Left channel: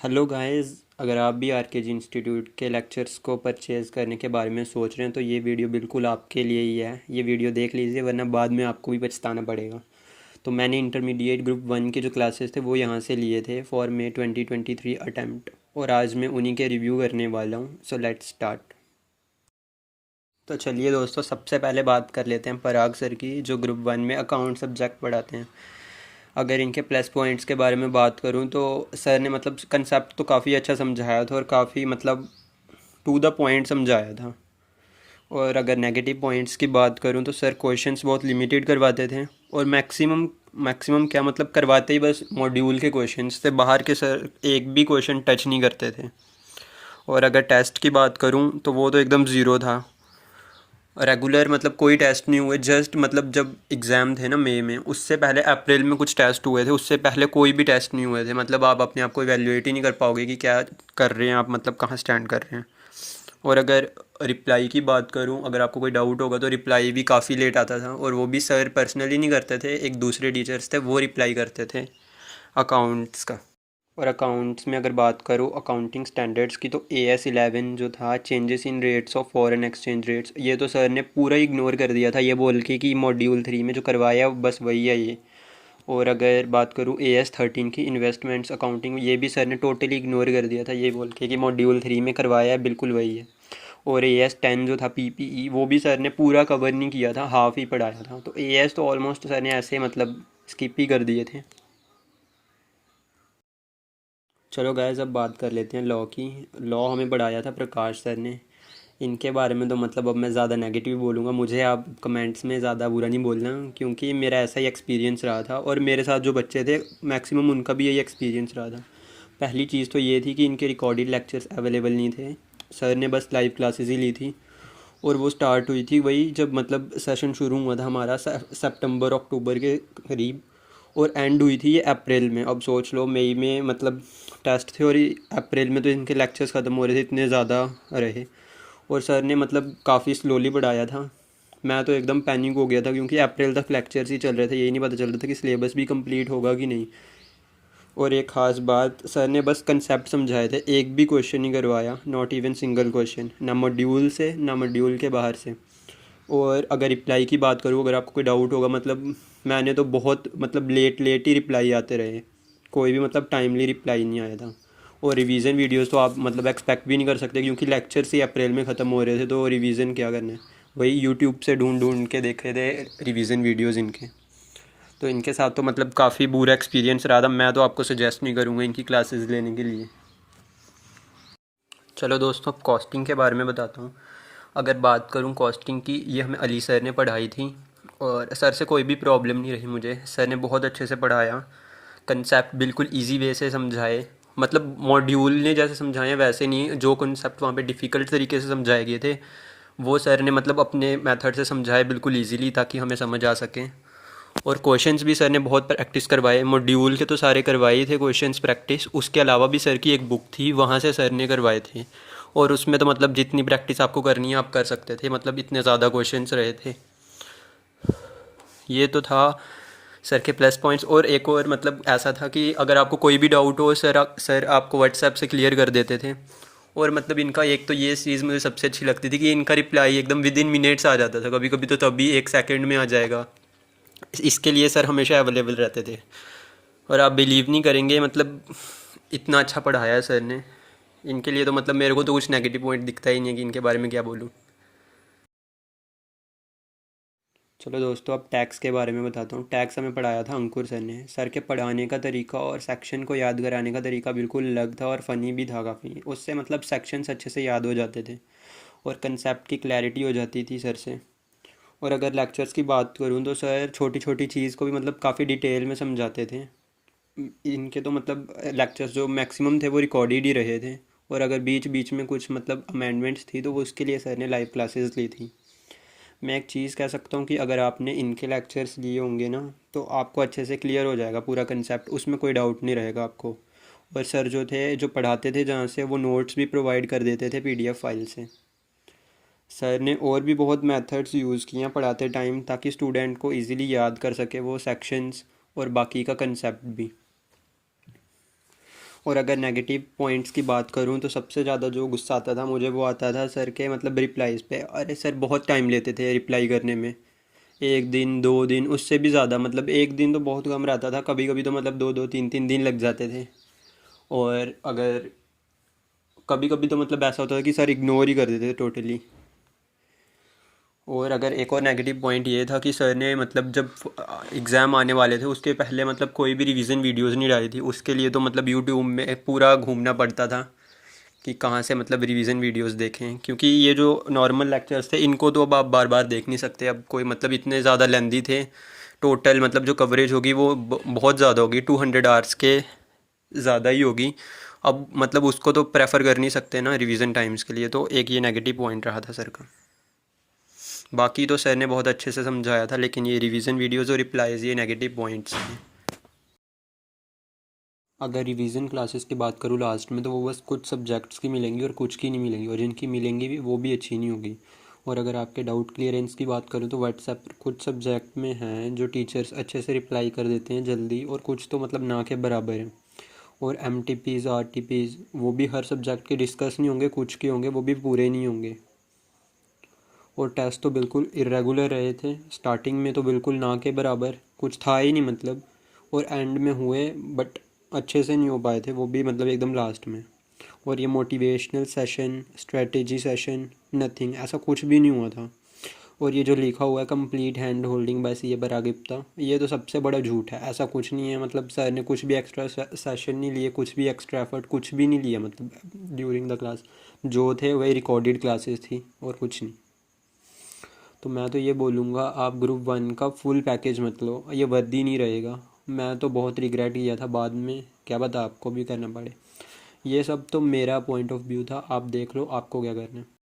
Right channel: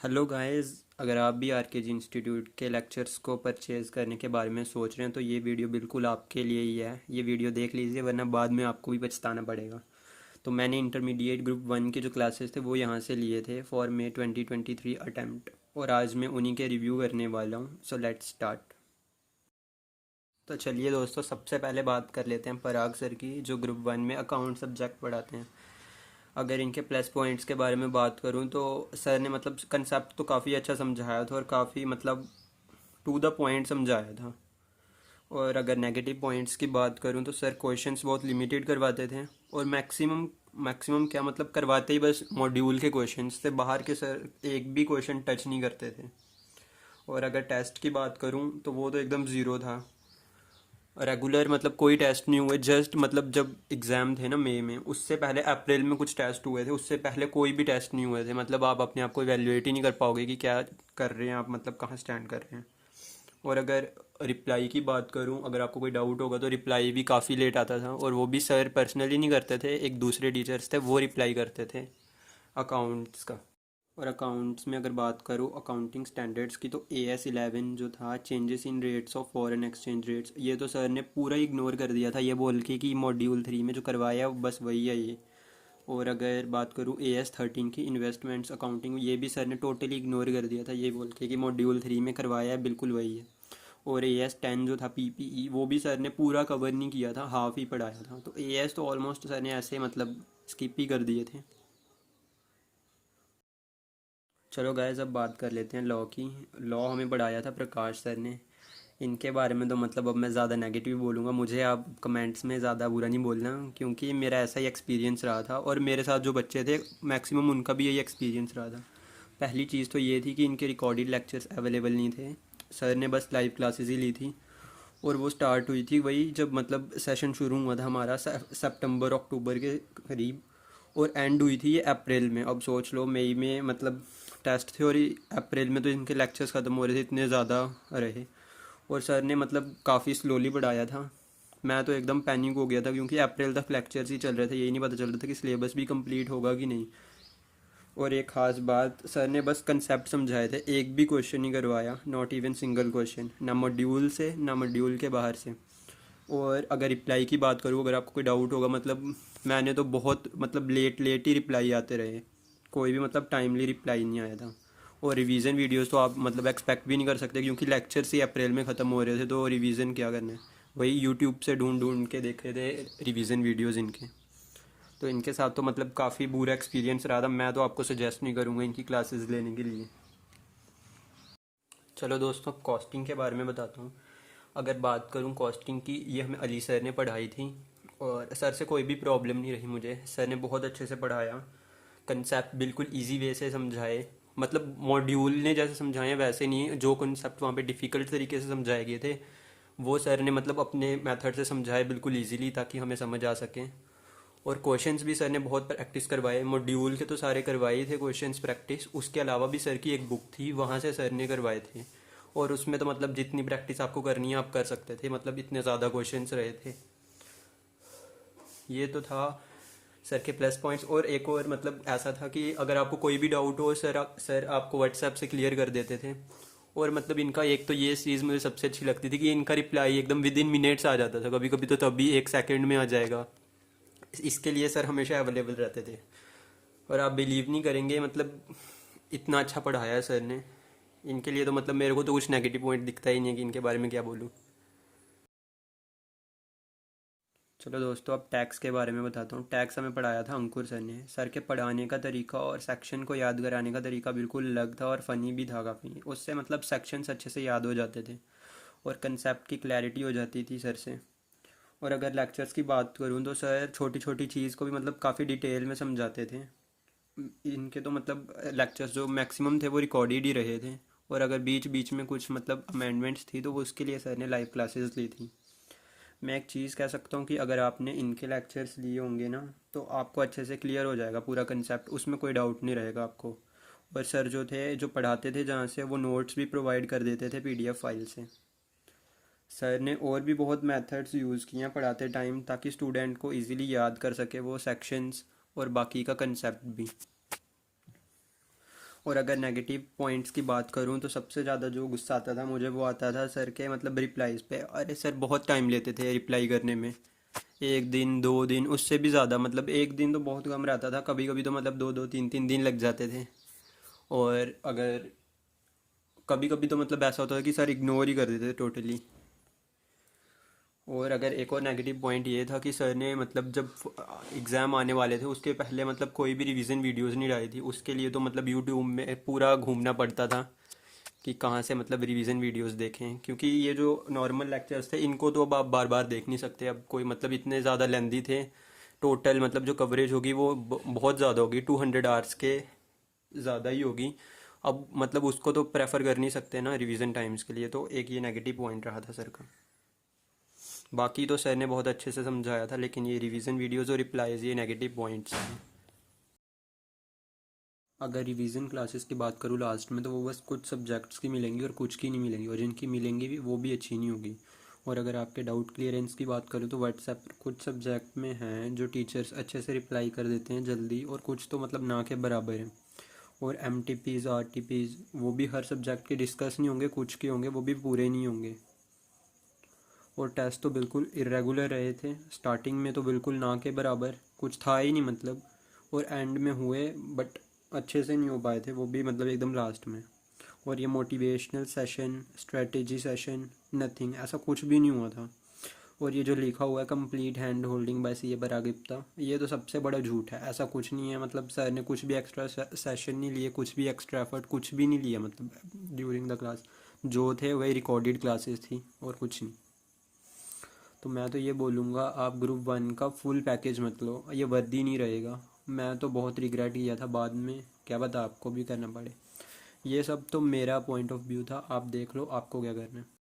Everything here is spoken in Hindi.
Hello guys. अगर आप भी आरकेजी इंस्टीट्यूट के लेक्चर्स को परचेज़ करने के बारे में सोच रहे हैं तो ये वीडियो बिल्कुल आपके लिए ही है। ये वीडियो देख लीजिए वरना बाद में आपको भी पछताना पड़ेगा। तो मैंने इंटरमीडिएट ग्रुप 1 के जो क्लासेस थे वो यहाँ से लिए थे फॉर मे 2023 अटैम्प्ट, और आज मैं उन्हीं के रिव्यू करने वाला हूँ। So let's start. तो चलिए दोस्तों, सबसे पहले बात कर लेते हैं पराग सर की, जो ग्रुप 1 में अकाउंट सब्जेक्ट पढ़ाते हैं। अगर इनके प्लस पॉइंट्स के बारे में बात करूं तो सर ने मतलब कंसेप्ट तो काफ़ी अच्छा समझाया था और काफ़ी मतलब टू द पॉइंट समझाया था। और अगर नेगेटिव पॉइंट्स की बात करूं तो सर क्वेश्चंस बहुत लिमिटेड करवाते थे, और मैक्सिमम मैक्सिमम क्या मतलब करवाते ही बस मॉड्यूल के क्वेश्चंस थे, बाहर के सर एक भी क्वेश्चन टच नहीं करते थे। और अगर टेस्ट की बात करूं तो वो तो एकदम ज़ीरो था। रेगुलर मतलब कोई टेस्ट नहीं हुए, जस्ट मतलब जब एग्ज़ाम थे ना मई में, उससे पहले अप्रैल में कुछ टेस्ट हुए थे, उससे पहले कोई भी टेस्ट नहीं हुए थे। मतलब आप अपने आप को इवेल्युएट ही नहीं कर पाओगे कि क्या कर रहे हैं आप, मतलब कहाँ स्टैंड कर रहे हैं। और अगर रिप्लाई की बात करूँ, अगर आपको कोई डाउट होगा तो रिप्लाई भी काफ़ी लेट आता था, और वो भी सर पर्सनली नहीं करते थे, एक दूसरे टीचर्स थे वो रिप्लाई करते थे अकाउंट्स का। और अकाउंट्स में अगर बात करूँ अकाउंटिंग स्टैंडर्ड्स की, तो AS11 जो था, changes in rates of foreign exchange rates, ये तो सर ने पूरा इग्नोर कर दिया था, ये बोल के कि मॉड्यूल 3 में जो करवाया बस वही है ये। और अगर बात करूँ AS13 की इन्वेस्टमेंट्स अकाउंटिंग, ये भी सर ने टोटली इग्नोर कर दिया था, ये बोल के कि मॉड्यूल 3 में करवाया है बिल्कुल वही है। और AS10 जो था PPE, वो भी सर ने पूरा कवर नहीं किया था, हाफ ही पढ़ाया था। तो AS तो ऑलमोस्ट सर ने ऐसे मतलब स्किप ही कर दिए थे। चलो गाइस, अब बात कर लेते हैं लॉ की। लॉ हमें पढ़ाया था प्रकाश सर ने। इनके बारे में तो मतलब अब मैं ज़्यादा नेगेटिव बोलूँगा, मुझे आप कमेंट्स में ज़्यादा बुरा नहीं बोलना, क्योंकि मेरा ऐसा ही एक्सपीरियंस रहा था और मेरे साथ जो बच्चे थे मैक्सिमम उनका भी यही एक्सपीरियंस रहा था। पहली चीज़ तो ये थी कि इनके रिकॉर्डेड लेक्चर्स अवेलेबल नहीं थे, सर ने बस लाइव क्लासेस ही ली थी। और वो स्टार्ट हुई थी वही जब मतलब सेशन शुरू हुआ था हमारा सितंबर अक्टूबर के करीब, और एंड हुई थी ये अप्रैल में। अब सोच लो, मई में मतलब टेस्ट थे और अप्रैल में तो इनके लेक्चर्स ख़त्म हो रहे थे, इतने ज़्यादा रहे। और सर ने मतलब काफ़ी स्लोली पढ़ाया था। मैं तो एकदम पैनिक हो गया था, क्योंकि अप्रैल तक लेक्चर्स ही चल रहे थे, यही नहीं पता चल रहा था कि सिलेबस भी कंप्लीट होगा कि नहीं। और एक ख़ास बात, सर ने बस कंसेप्ट समझाए थे, एक भी क्वेश्चन नहीं करवाया, नॉट इवन सिंगल क्वेश्चन, ना मॉड्यूल से ना मॉड्यूल के बाहर से। और अगर रिप्लाई की बात करूँ, अगर आपको कोई डाउट होगा, मतलब मैंने तो बहुत मतलब लेट लेट ही रिप्लाई आते रहे, कोई भी मतलब टाइमली रिप्लाई नहीं आया था। और रिवीजन वीडियोस तो आप मतलब एक्सपेक्ट भी नहीं कर सकते, क्योंकि लेक्चर्स ही अप्रैल में ख़त्म हो रहे थे, तो रिवीजन क्या करना है, वही यूट्यूब से ढूंढ ढूंढ के देखे थे रिवीजन वीडियोस इनके। तो इनके साथ तो मतलब काफ़ी बुरा एक्सपीरियंस रहा था, मैं तो आपको सजेस्ट नहीं करूँगा इनकी क्लासेस लेने के लिए। चलो दोस्तों, अब कॉस्टिंग के बारे में बताता हूँ। अगर बात करूँ कॉस्टिंग की, ये हमें अली सर ने पढ़ाई थी, और सर से कोई भी प्रॉब्लम नहीं रही मुझे, सर ने बहुत अच्छे से पढ़ाया, कंसेप्ट बिल्कुल इजी वे से समझाए। मतलब मॉड्यूल ने जैसे समझाए वैसे नहीं, जो कंसेप्ट वहाँ पे डिफ़िकल्ट तरीके से समझाए गए थे वो सर ने मतलब अपने मेथड से समझाए बिल्कुल इजीली, ताकि हमें समझ आ सके। और क्वेश्चंस भी सर ने बहुत प्रैक्टिस करवाए, मॉड्यूल के तो सारे करवाए ही थे क्वेश्चंस प्रैक्टिस, उसके अलावा भी सर की एक बुक थी, वहाँ से सर ने करवाए थे। और उसमें तो मतलब जितनी प्रैक्टिस आपको करनी है आप कर सकते थे, मतलब इतने ज़्यादा क्वेश्चंस रहे थे। ये तो था सर के प्लस पॉइंट्स। और एक और मतलब ऐसा था कि अगर आपको कोई भी डाउट हो, सर आपको व्हाट्सएप से क्लियर कर देते थे। और मतलब इनका एक तो ये चीज़ मुझे सबसे अच्छी लगती थी कि इनका रिप्लाई एकदम विद इन मिनट्स आ जाता था, कभी कभी तो तभी 1 सेकंड में आ जाएगा। इसके लिए सर हमेशा अवेलेबल रहते थे। और आप बिलीव नहीं करेंगे, मतलब इतना अच्छा पढ़ाया है सर ने। इनके लिए तो मतलब मेरे को तो कुछ नेगेटिव पॉइंट दिखता ही नहीं है कि इनके बारे में क्या बोलूँ। चलो दोस्तों, अब टैक्स के बारे में बताता हूँ। टैक्स हमें पढ़ाया था अंकुर सर ने। सर के पढ़ाने का तरीका और सेक्शन को याद कराने का तरीका बिल्कुल अलग था, और फ़नी भी था काफ़ी। उससे मतलब सेक्शंस अच्छे से याद हो जाते थे और कंसेप्ट की क्लैरिटी हो जाती थी सर से। और अगर लेक्चर्स की बात करूँ तो सर छोटी छोटी चीज़ को भी मतलब काफ़ी डिटेल में समझाते थे। इनके तो मतलब लेक्चर्स जो मैक्सिमम थे वो रिकॉर्डेड ही रहे थे, और अगर बीच बीच में कुछ मतलब अमेंडमेंट्स थी तो वो उसके लिए सर ने लाइव क्लासेस ली थी। मैं एक चीज़ कह सकता हूँ कि अगर आपने इनके लेक्चर्स लिए होंगे ना, तो आपको अच्छे से क्लियर हो जाएगा पूरा कंसेप्ट, उसमें कोई डाउट नहीं रहेगा आपको। और सर जो थे, जो पढ़ाते थे जहाँ से, वो नोट्स भी प्रोवाइड कर देते थे PDF फाइल से। सर ने और भी बहुत मेथड्स यूज़ किए हैं पढ़ाते टाइम, ताकि स्टूडेंट को इजीली याद कर सके वो सेक्शंस और बाकी का कंसेप्ट भी। और अगर नेगेटिव पॉइंट्स की बात करूँ तो सबसे ज़्यादा जो गुस्सा आता था मुझे वो आता था सर के मतलब रिप्लाईज़ पे। अरे सर बहुत टाइम लेते थे रिप्लाई करने में, 1 दिन 2 दिन उससे भी ज़्यादा, मतलब 1 दिन तो बहुत कम रहता था, कभी कभी तो मतलब 2 2 3 3 दिन लग जाते थे। और अगर कभी कभी तो मतलब ऐसा होता था कि सर इग्नोर ही कर देते थे टोटली। और अगर एक और नेगेटिव पॉइंट ये था कि सर ने मतलब जब एग्ज़ाम आने वाले थे उसके पहले मतलब कोई भी रिवीजन वीडियोस नहीं डाली थी, उसके लिए तो मतलब यूट्यूब में पूरा घूमना पड़ता था कि कहाँ से मतलब रिवीजन वीडियोस देखें, क्योंकि ये जो नॉर्मल लेक्चर्स थे इनको तो अब आप बार बार देख नहीं सकते, अब कोई मतलब इतने ज़्यादा लेंदी थे। टोटल मतलब जो कवरेज होगी वो बहुत ज़्यादा होगी, 200 आवर्स के ज़्यादा ही होगी। अब मतलब उसको तो प्रेफर कर नहीं सकते ना रिवीजन टाइम्स के लिए, तो एक ये नेगेटिव पॉइंट रहा था सर का। बाकी तो सर ने बहुत अच्छे से समझाया था, लेकिन ये रिवीजन वीडियोज़ और रिप्लाईज़ ये नेगेटिव पॉइंट्स हैं। अगर रिवीजन क्लासेस की बात करूँ लास्ट में, तो वो बस कुछ सब्जेक्ट्स की मिलेंगी और कुछ की नहीं मिलेंगी, और जिनकी मिलेंगी भी वो भी अच्छी नहीं होगी। और अगर आपके डाउट क्लियरेंस की बात करूँ तो व्हाट्सएप कुछ सब्जेक्ट में हैं जो टीचर्स अच्छे से रिप्लाई कर देते हैं जल्दी, और कुछ तो मतलब ना के बराबर हैं। और MTPs RTPs वो भी हर सब्जेक्ट के डिस्कस नहीं होंगे, कुछ के होंगे वो भी पूरे नहीं होंगे। और टेस्ट तो बिल्कुल इरेगुलर रहे थे, स्टार्टिंग में तो बिल्कुल ना के बराबर कुछ था ही नहीं मतलब, और एंड में हुए बट अच्छे से नहीं हो पाए थे, वो भी मतलब एकदम लास्ट में। और ये motivational session, strategy session, nothing, ऐसा कुछ भी नहीं हुआ था। और ये जो लिखा हुआ है complete hand holding bye CA पराग गुप्ता, ये तो सबसे बड़ा झूठ है, ऐसा कुछ नहीं है। मतलब सर ने कुछ भी एक्स्ट्रा सेशन नहीं लिए, कुछ भी एक्स्ट्रा एफर्ट कुछ भी नहीं लिया मतलब ड्यूरिंग द क्लास, जो थे वही रिकॉर्डेड क्लासेस थी और कुछ नहीं। तो मैं तो ये बोलूँगा आप ग्रुप 1 का फुल पैकेज मत लो, ये वर्दी नहीं रहेगा। मैं तो बहुत रिग्रेट किया था बाद में, क्या पता आपको भी करना पड़े। ये सब तो मेरा पॉइंट ऑफ व्यू था, आप देख लो आपको क्या करना है।